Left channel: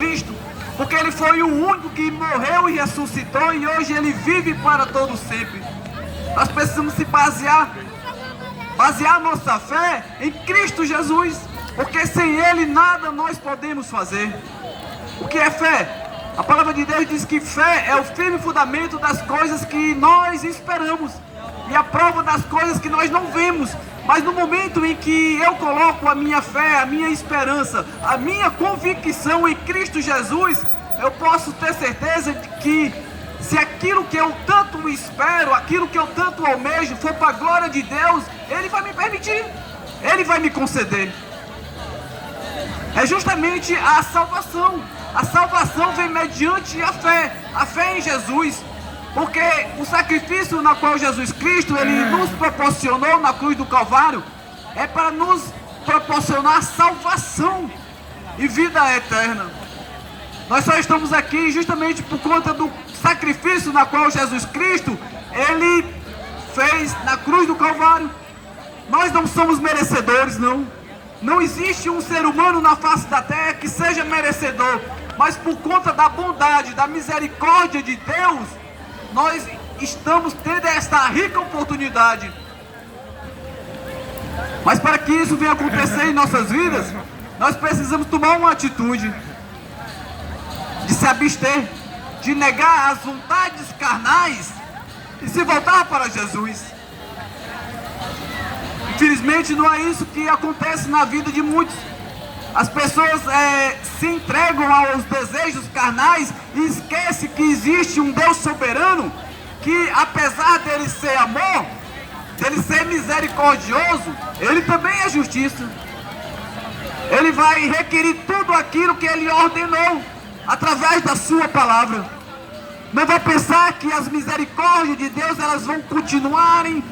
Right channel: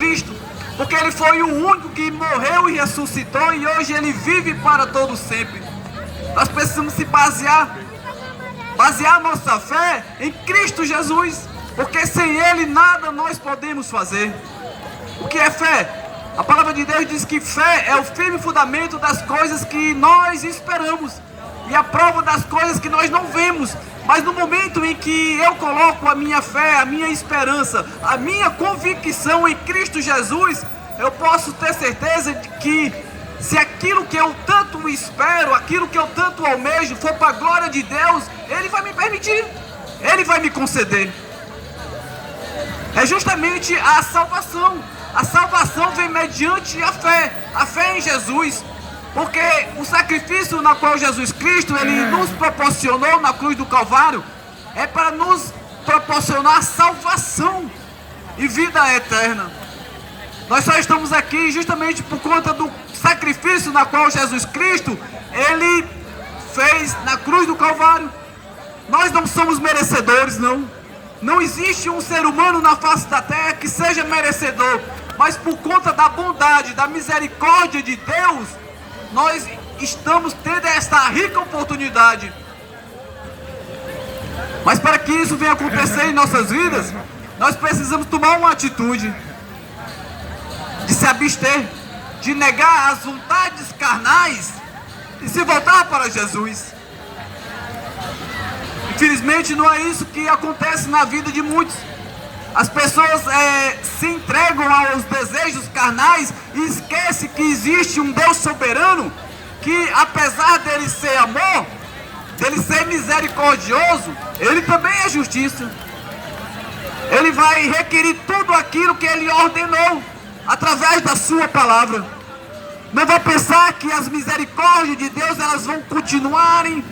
Cristo, porque Ele foi o único que morreu e ressuscitou e hoje Ele vive para todo sempre. Nós precisamos se basear nossa fé em Cristo Jesus, porque sem Ele nada nós podemos fazer. O que é fé? A palavra de Deus diz que fé é o firme fundamento das coisas que nós esperamos e a prova das coisas que nós não vemos. Mas no momento em que eu coloco a minha fé, a minha esperança, a minha convicção em Cristo Jesus, eu posso ter certeza de que se aquilo que eu tanto espero, aquilo que eu tanto almejo for para a glória de Deus, Ele vai me permitir, Ele vai me conceder. É justamente a salvação. A salvação vem mediante a fé em Jesus. Porque o sacrifício na qual Jesus Cristo Ele nos proporcionou na cruz do Calvário é para nos proporcionar salvação e vida eterna. Nós só estamos aqui justamente por conta do sacrifício na qual Jesus Cristo Ele fez na cruz do Calvário. Nós não somos merecedores, não. Não existe um ser humano na face da terra que seja merecedor. Mas por conta da bondade, da misericórdia de Deus, nós estamos tendo esta rica oportunidade. Mas para que isso venha acontecer em nossas vidas, nós precisamos tomar uma atitude de se abster, de negar as vontades carnais e se voltar para Jesus. Infelizmente não é isso que acontece na vida de muitos. As pessoas se entregam aos desejos carnais e esquecem que existe um Deus soberano que, apesar dele ser amor, dele ser misericordioso, ele também é justiça. Ele vai requerir tudo aquilo que ele ordenou através da sua palavra. Não vai pensar que as misericórdias de Deus elas vão continuarem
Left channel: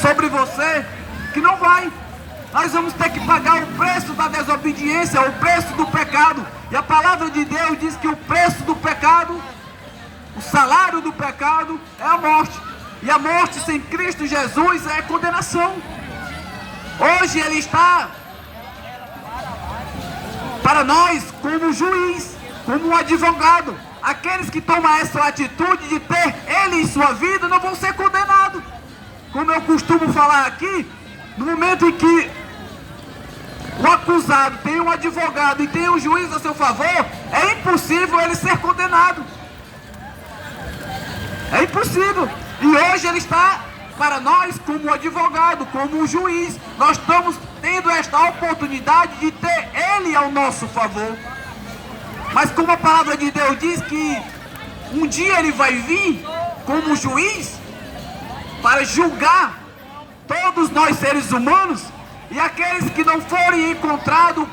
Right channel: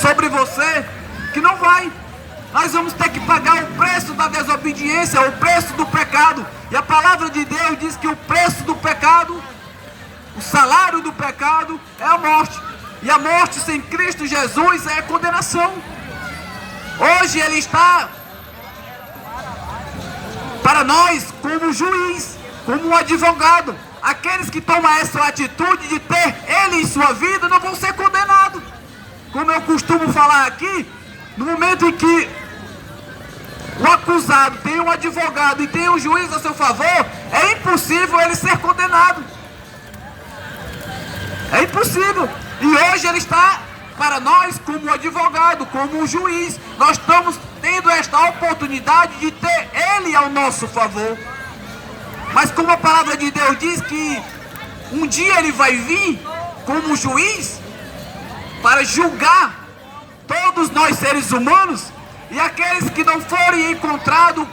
sobre você, que não vai. Nós vamos ter que pagar o preço da desobediência, o preço do pecado. E a palavra de Deus diz que o preço do pecado, o salário do pecado é a morte. E a morte sem Cristo Jesus é condenação. Hoje Ele está para nós como juiz, como um advogado. Aqueles que tomam essa atitude de ter Ele em sua vida não vão ser condenados. Como eu costumo falar aqui, no momento em que o acusado tem um advogado e tem um juiz a seu favor, é impossível ele ser condenado. É impossível. E hoje ele está para nós como advogado, como um juiz. Nós estamos tendo esta oportunidade de ter ele ao nosso favor. Mas como a palavra de Deus diz que um dia ele vai vir como juiz para julgar todos nós seres humanos, e aqueles que não forem encontrados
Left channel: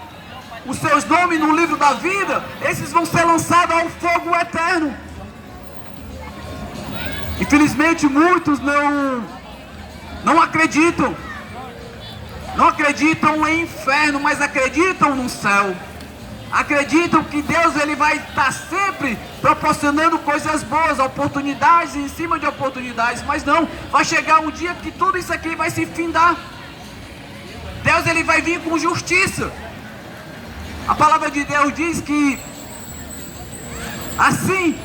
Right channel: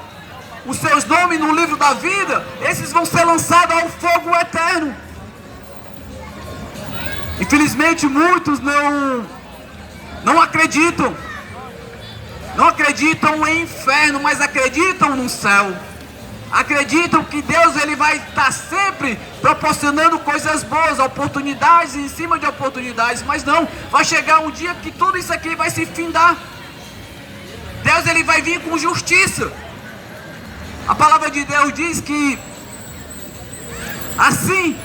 os seus nomes no livro da vida, esses vão ser lançados ao fogo eterno. Infelizmente muitos não acreditam em inferno, mas acreditam no céu. Acreditam que Deus ele vai estar sempre proporcionando coisas boas, oportunidades em cima de oportunidades, mas não, vai chegar um dia que tudo isso aqui vai se findar. Deus ele vai vir com justiça. A palavra de Deus diz que assim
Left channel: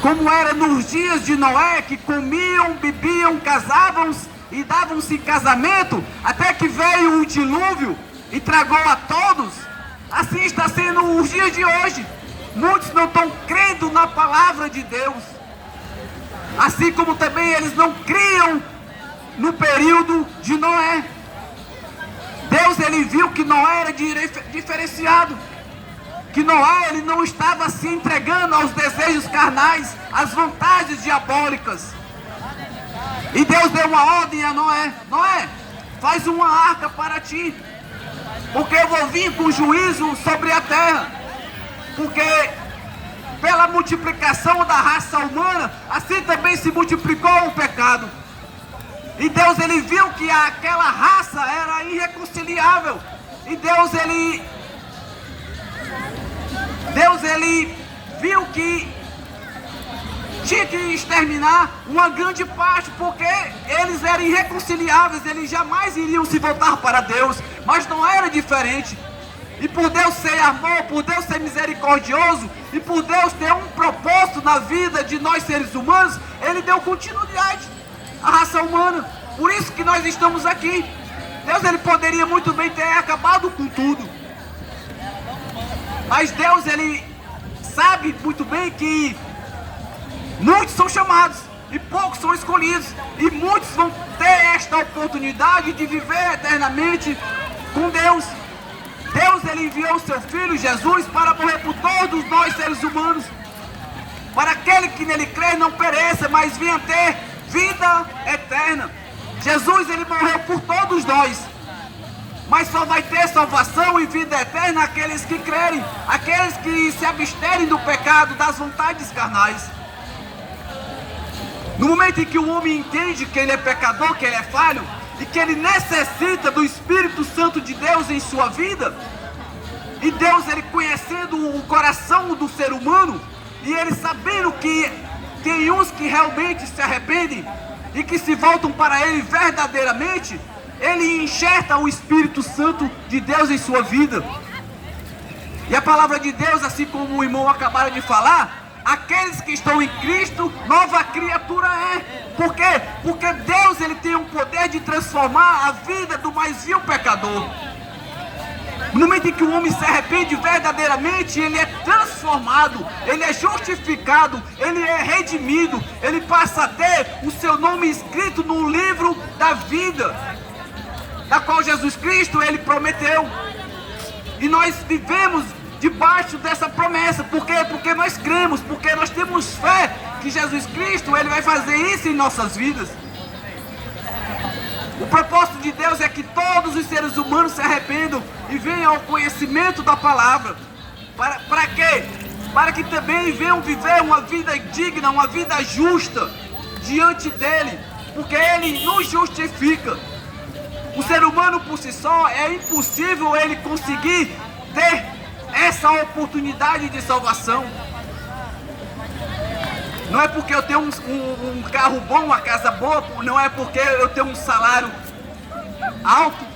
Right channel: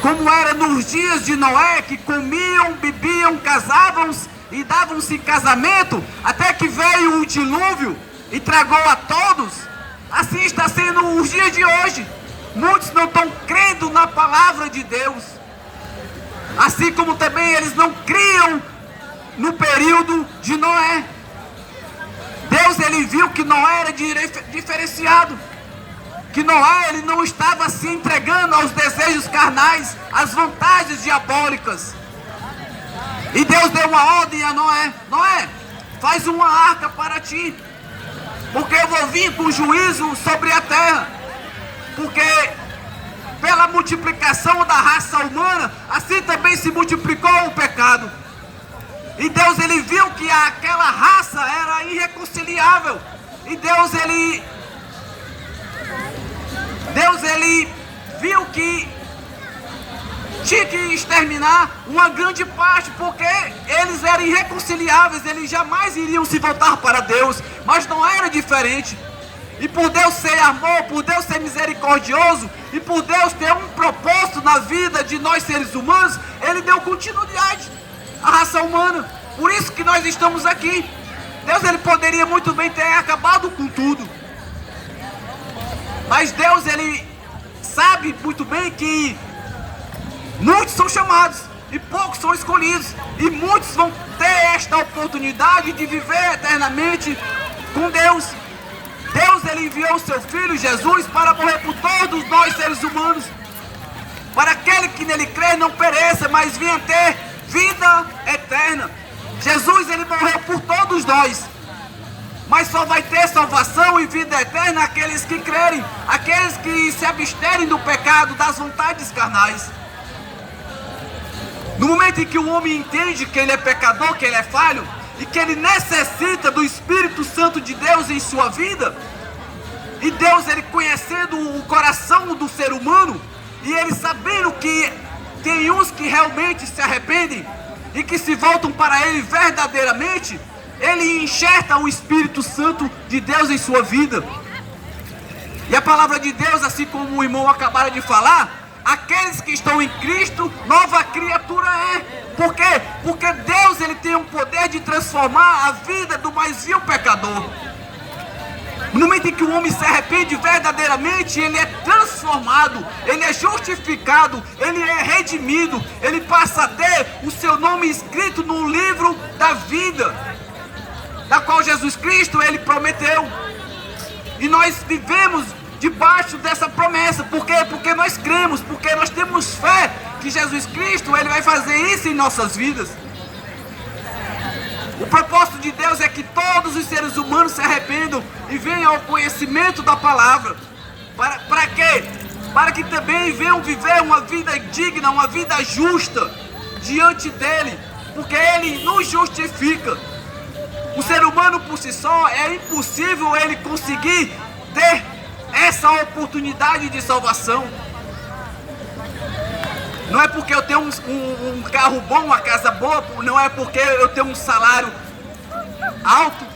como era nos dias de Noé, que comiam, bebiam, casavam-se e davam-se casamento, até que veio o dilúvio e tragou a todos, assim está sendo os dias de hoje. Muitos não estão crendo na palavra de Deus, assim como também eles não criam no período de Noé. Deus ele viu que Noé era diferenciado, que Noé ele não estava se entregando aos desejos carnais, às vontades diabólicas. E Deus deu uma ordem a Noé: Noé, faz uma arca para ti, porque eu vou vir com juízo sobre a terra. Porque pela multiplicação da raça humana, assim também se multiplicou o pecado. E Deus ele viu que aquela raça era irreconciliável. E Deus ele viu que tinha que exterminar uma grande parte, porque eles eram irreconciliáveis, eles jamais iriam se voltar para Deus. Mas não era diferente. E por Deus ser amor, por Deus ser misericordioso, e por Deus ter um propósito na vida de nós seres humanos, Ele deu continuidade à raça humana. Por isso que nós estamos aqui. Deus, Ele poderia muito bem ter acabado com tudo. Mas Deus, Ele sabe muito bem que muitos são chamados e poucos são escolhidos. E muitos vão ter esta oportunidade de viver eternamente com Deus. Deus, Ele enviou o seu Filho Jesus para morrer por todos nós seres humanos, para aquele que nele crê não pereça, mas venha ter vida eterna. Jesus, Ele morreu por todos nós, mas só vai ter salvação e vida eterna aqueles que crerem, aqueles que se absterem do pecado, das vontades carnais. No momento em que o homem entende que ele é pecador, que ele é falho, e que ele necessita do Espírito Santo de Deus em sua vida, e Deus, Ele conhecendo o coração do ser humano, e Ele sabendo que tem uns que realmente se arrependem e que se voltam para Ele verdadeiramente, Ele enxerta o Espírito Santo de Deus em sua vida. E a palavra de Deus, assim como o irmão acabaram de falar, aqueles que estão em Cristo, nova criatura é. Por quê? Porque Deus, Ele tem um poder de transformar a vida do mais vil pecador. No momento em que o homem se arrepende verdadeiramente, ele é transformado, ele é justificado, ele é redimido, ele passa a ter o seu nome escrito no livro da vida, da qual Jesus Cristo, Ele prometeu. E nós vivemos debaixo dessa promessa. Por quê? Porque nós cremos, porque nós temos fé que Jesus Cristo, Ele vai fazer isso em nossas vidas. O propósito de Deus é que todos os seres humanos se arrependam e venham ao conhecimento da palavra. Para quê? Para que também venham viver uma vida digna, uma vida justa diante dEle, porque Ele nos justifica. O ser humano por si só, é impossível ele conseguir ter essa oportunidade de salvação. Não é porque eu tenho um carro bom, uma casa boa, não é porque eu tenho um salário alto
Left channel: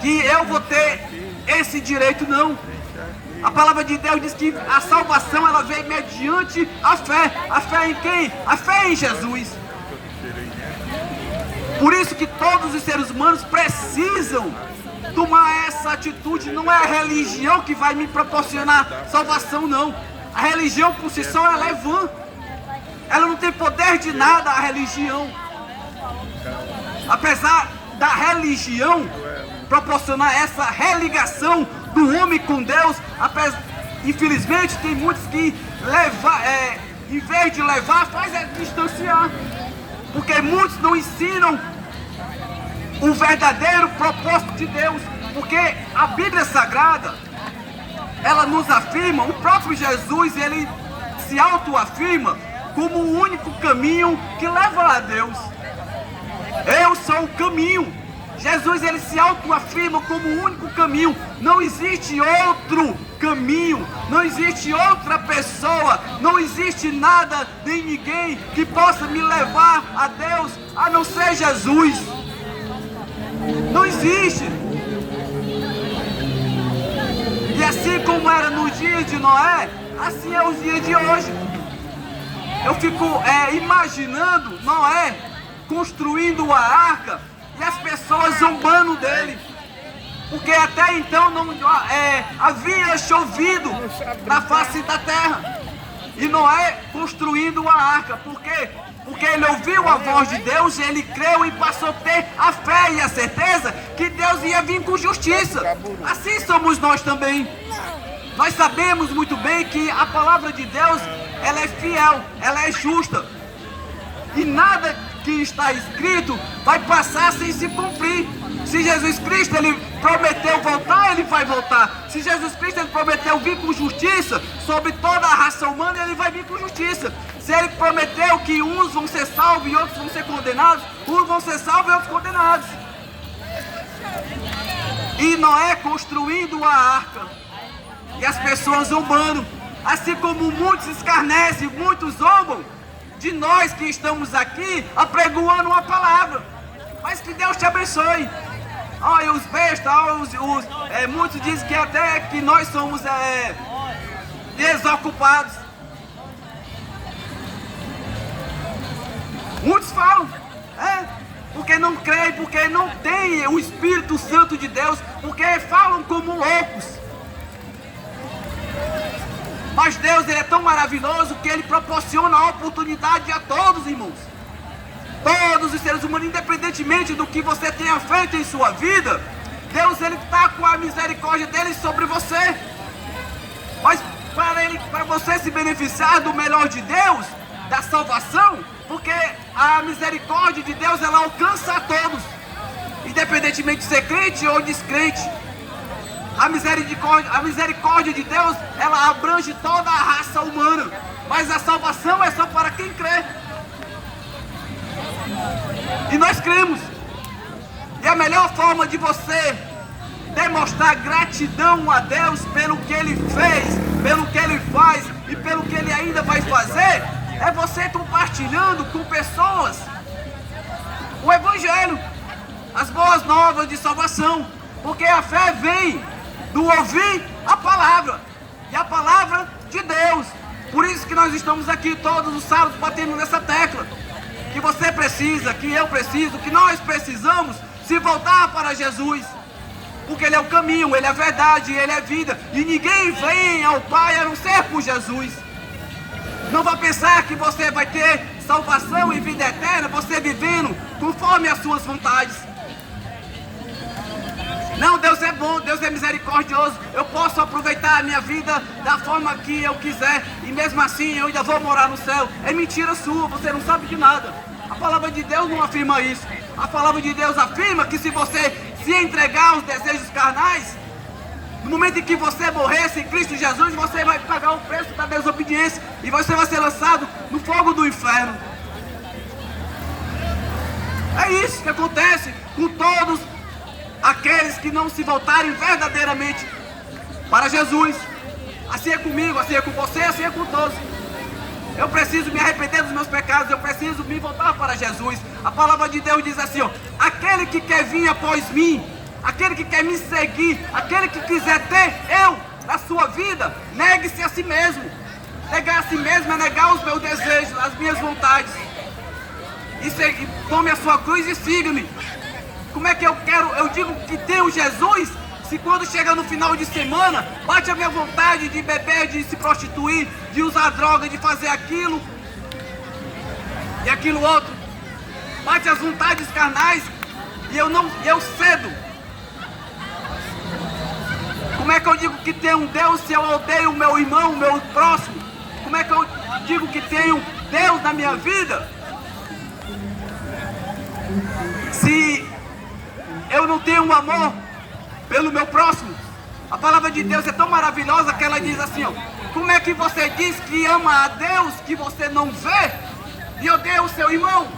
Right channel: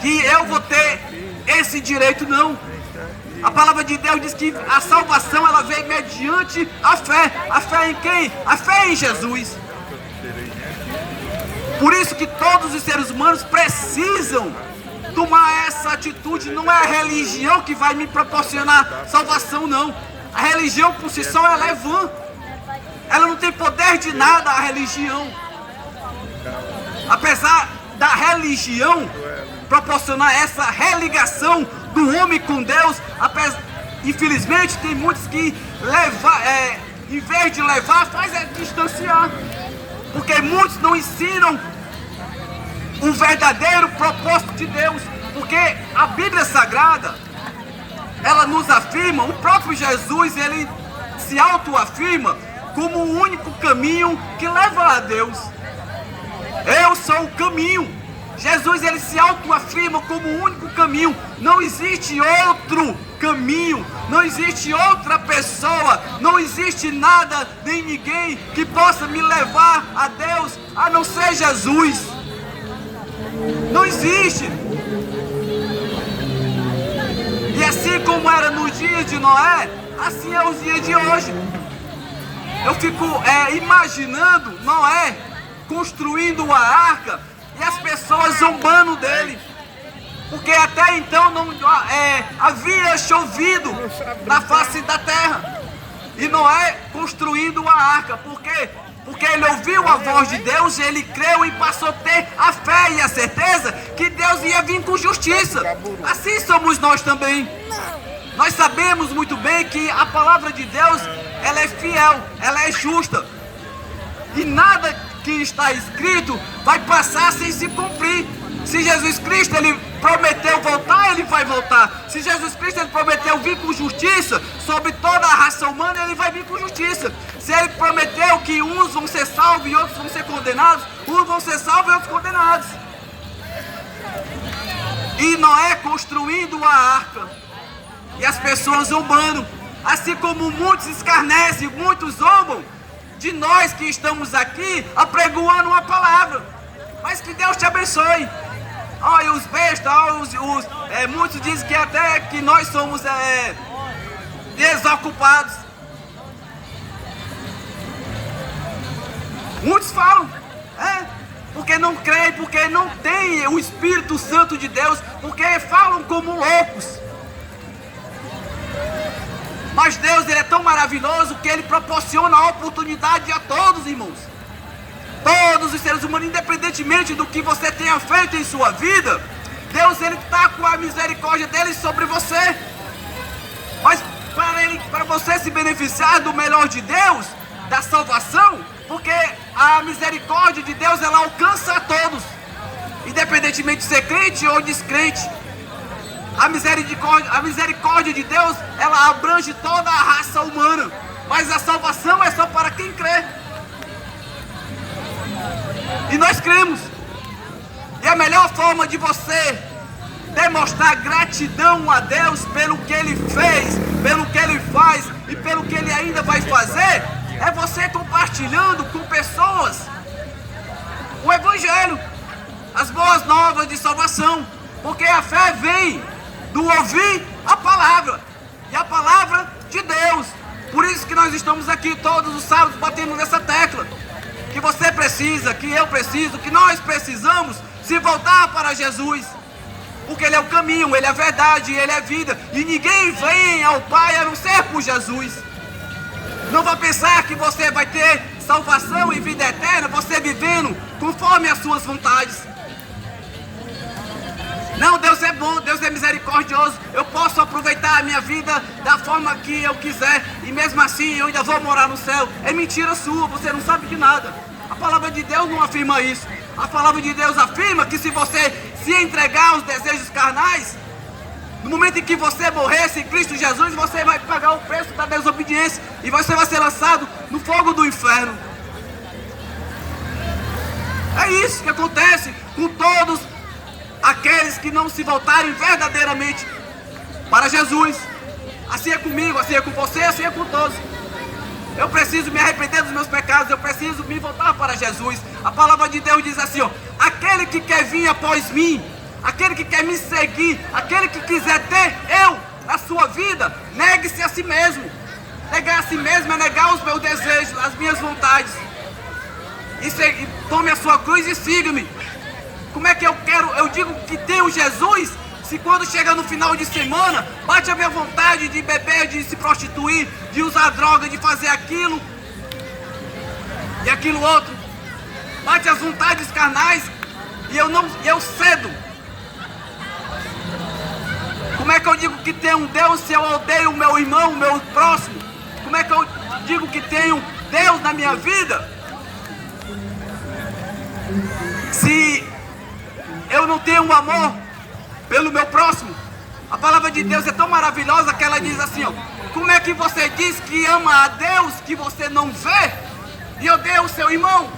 que eu vou ter esse direito, não. A palavra de Deus diz que a salvação, ela vem mediante a fé. A fé em quem? A fé em Jesus. Por isso que todos os seres humanos precisam tomar essa atitude. Não é a religião que vai me proporcionar salvação, não. A religião por si só, ela é vã. Ela não tem poder de nada, a religião. Apesar da religião proporcionar essa religação do homem com Deus, infelizmente tem muitos que em vez de levar, faz é distanciar. Porque muitos não ensinam o verdadeiro propósito de Deus. Porque a Bíblia Sagrada, ela nos afirma, o próprio Jesus, ele se autoafirma como o único caminho que leva a Deus. Eu sou o caminho. Jesus, ele se autoafirma como o único caminho. Não existe outro caminho, não existe outra pessoa, não existe nada nem ninguém que possa me levar a Deus a não ser Jesus. Não existe. E assim como era nos dias de Noé, assim é os dias de hoje. Eu fico imaginando Noé construindo a arca e as pessoas zombando dele, porque até então não havia chovido na face da terra. E Noé construindo a arca, por quê? Porque ele ouviu a voz de Deus, ele creu e passou a ter a fé e a certeza que Deus ia vir com justiça. Assim somos nós também. Nós sabemos muito bem que a palavra de Deus, ela é fiel, ela é justa. E nada que está escrito vai passar sem se cumprir. Se Jesus Cristo, ele prometeu voltar, ele vai voltar. Se Jesus Cristo, ele prometeu vir com justiça sobre toda a raça humana, ele vai vir com justiça. Se ele prometeu que uns vão ser salvos e outros vão ser condenados, uns vão ser salvos e outros condenados. E Noé construindo a arca e as pessoas zombando, assim como muitos escarnecem, muitos zombam de nós que estamos aqui apregoando uma palavra. Mas que Deus te abençoe. Ah, e os bestas, muitos dizem que até que nós somos desocupados. Muitos falam, porque não creem, porque não têm o Espírito Santo de Deus, porque falam como loucos. Mas Deus, Ele é tão maravilhoso que Ele proporciona a oportunidade a todos, irmãos. Todos os seres humanos, independentemente do que você tenha feito em sua vida, Deus, Ele está com a misericórdia dEle sobre você. Mas para você se beneficiar do melhor de Deus, da salvação, porque a misericórdia de Deus, ela alcança a todos, independentemente de ser crente ou descrente. A misericórdia de Deus, ela abrange toda a raça humana, mas a salvação é só para quem crê. E nós cremos. E a melhor forma de você demonstrar gratidão a Deus pelo que Ele fez, pelo que Ele faz e pelo que Ele ainda vai fazer, é você compartilhando com pessoas o Evangelho, as boas novas de salvação, porque a fé vem do ouvir a palavra, e a palavra de Deus. Por isso que nós estamos aqui todos os sábados batendo nessa tecla, que você precisa, que eu preciso, que nós precisamos se voltar para Jesus, porque Ele é o caminho, Ele é a verdade, Ele é a vida, e ninguém vem ao Pai a não ser por Jesus. Não vá pensar que você vai ter salvação e vida eterna, você vivendo conforme as suas vontades. Não, Deus é bom, Deus é misericordioso, eu posso aproveitar a minha vida da forma que eu quiser, e mesmo assim eu ainda vou morar no céu. É mentira sua, você não sabe de nada. A palavra de Deus não afirma isso. A palavra de Deus afirma que se você se entregar aos desejos carnais, no momento em que você morrer em Cristo Jesus, você vai pagar o preço da desobediência, e você vai ser lançado no fogo do inferno. É isso que acontece com todos aqueles que não se voltarem verdadeiramente para Jesus. Assim é comigo, assim é com você, assim é com todos. Eu preciso me arrepender dos meus pecados, eu preciso me voltar para Jesus. A palavra de Deus diz assim, aquele que quer vir após mim, aquele que quer me seguir, aquele que quiser ter a sua vida, negue-se a si mesmo. Negar a si mesmo é negar os meus desejos, as minhas vontades. E tome a sua cruz e siga-me. Como é que eu digo que tenho Jesus, se quando chega no final de semana, bate a minha vontade de beber, de se prostituir, de usar droga, de fazer aquilo e aquilo outro, bate as vontades carnais, e eu cedo. Como é que eu digo que tenho um Deus se eu odeio o meu irmão, o meu próximo? Como é que eu digo que tenho Deus na minha vida, se eu não tenho um amor pelo meu próximo? A palavra de Deus é tão maravilhosa que ela diz assim, como é que você diz que ama a Deus que você não vê e odeia o seu irmão?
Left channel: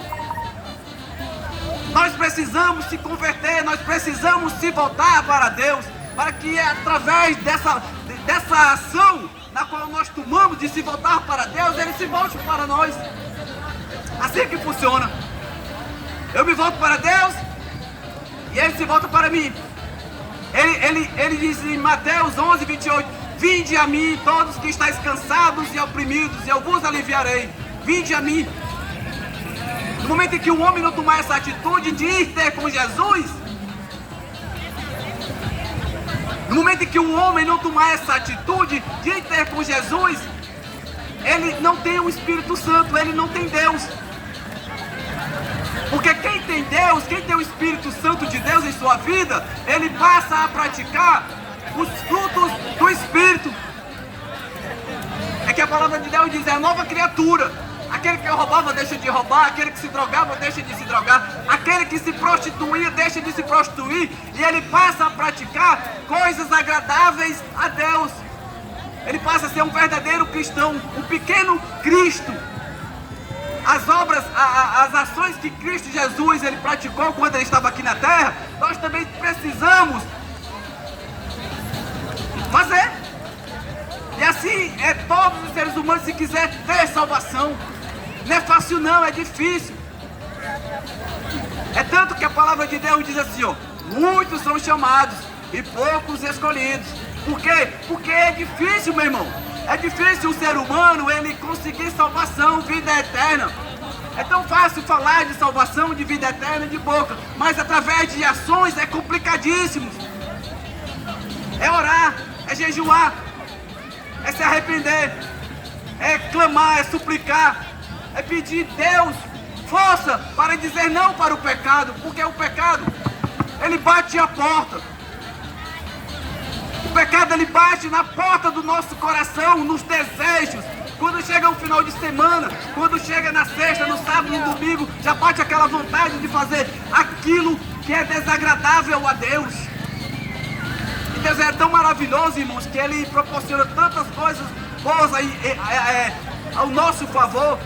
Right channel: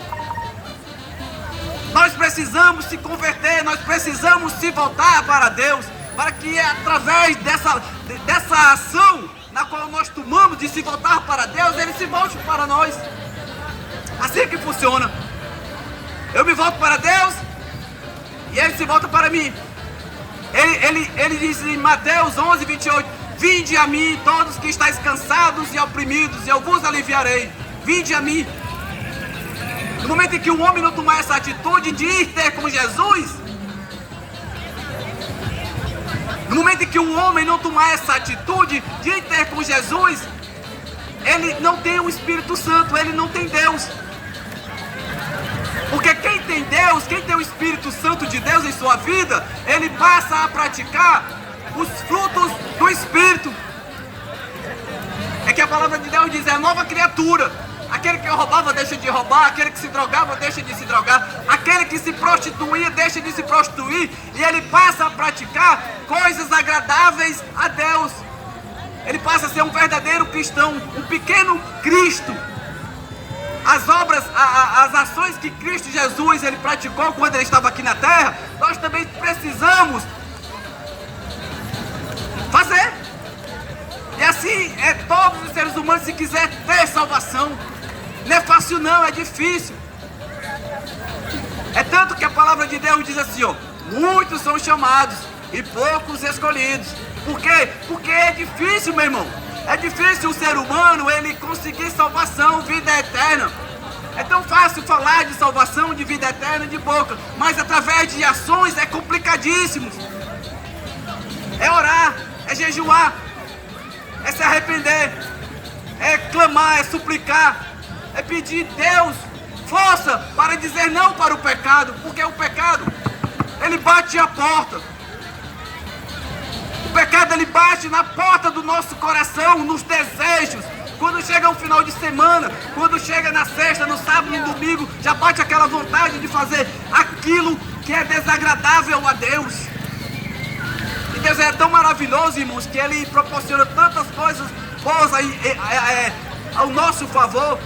Nós precisamos se converter, nós precisamos se voltar para Deus, para que através dessa ação na qual nós tomamos de se voltar para Deus, Ele se volte para nós. Assim que funciona. Eu me volto para Deus e Ele se volta para mim. Ele diz em Mateus 11, 28, vinde a mim todos que estáis cansados e oprimidos, e eu vos aliviarei. Vinde a mim. No momento em que o homem não tomar essa atitude de ir ter com Jesus, no momento em que o homem não tomar essa atitude de ir ter com Jesus, ele não tem o Espírito Santo, ele não tem Deus. Porque quem tem Deus, quem tem o Espírito Santo de Deus em sua vida, ele passa a praticar os frutos do Espírito. É que a palavra de Deus diz, é nova criatura. Aquele que roubava deixa de roubar, aquele que se drogava deixa de se drogar, aquele que se prostituía deixa de se prostituir, e ele passa a praticar coisas agradáveis a Deus. Ele passa a ser um verdadeiro cristão, um pequeno Cristo. As obras, as ações que Cristo Jesus ele praticou quando ele estava aqui na terra, nós também precisamos fazer. E assim é todos os seres humanos, se quiser ter salvação. Não é fácil não, é difícil. É tanto que a palavra de Deus diz assim, Muitos são chamados e poucos escolhidos. Por quê? Porque é difícil, meu irmão. É difícil o ser humano ele conseguir salvação, vida eterna. É tão fácil falar de salvação, de vida eterna de boca, mas através de ações é complicadíssimo. É orar, é jejuar, é se arrepender, é clamar, é suplicar, é pedir Deus força para dizer não para o pecado, porque o pecado, ele bate a porta. O pecado, ele bate na porta do nosso coração, nos desejos. Quando chega o final de semana, quando chega na sexta, no sábado, no domingo, já bate aquela vontade de fazer aquilo que é desagradável a Deus. E Deus é tão maravilhoso, irmãos, que Ele proporciona tantas coisas boas ao nosso favor.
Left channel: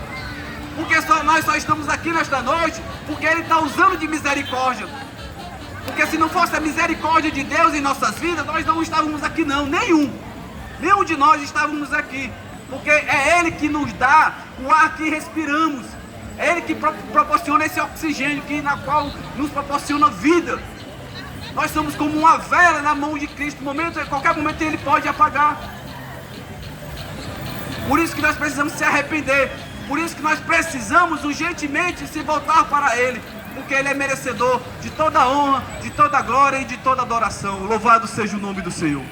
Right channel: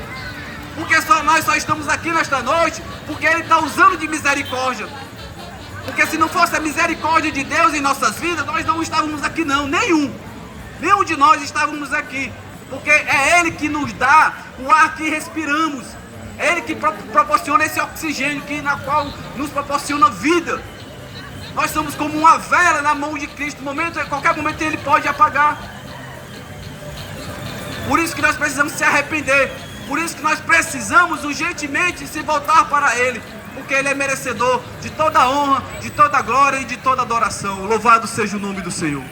Porque nós só estamos aqui nesta noite porque Ele está usando de misericórdia. Porque se não fosse a misericórdia de Deus em nossas vidas, nós não estávamos aqui não, nenhum de nós estávamos aqui. Porque é Ele que nos dá o ar que respiramos. É Ele que proporciona esse oxigênio na qual nos proporciona vida. Nós somos como uma vela na mão de Cristo. A qualquer momento Ele pode apagar. Por isso que nós precisamos se arrepender. Por isso que nós precisamos urgentemente se voltar para Ele. Porque Ele é merecedor de toda a honra, de toda a glória e de toda a adoração. Louvado seja o nome do Senhor.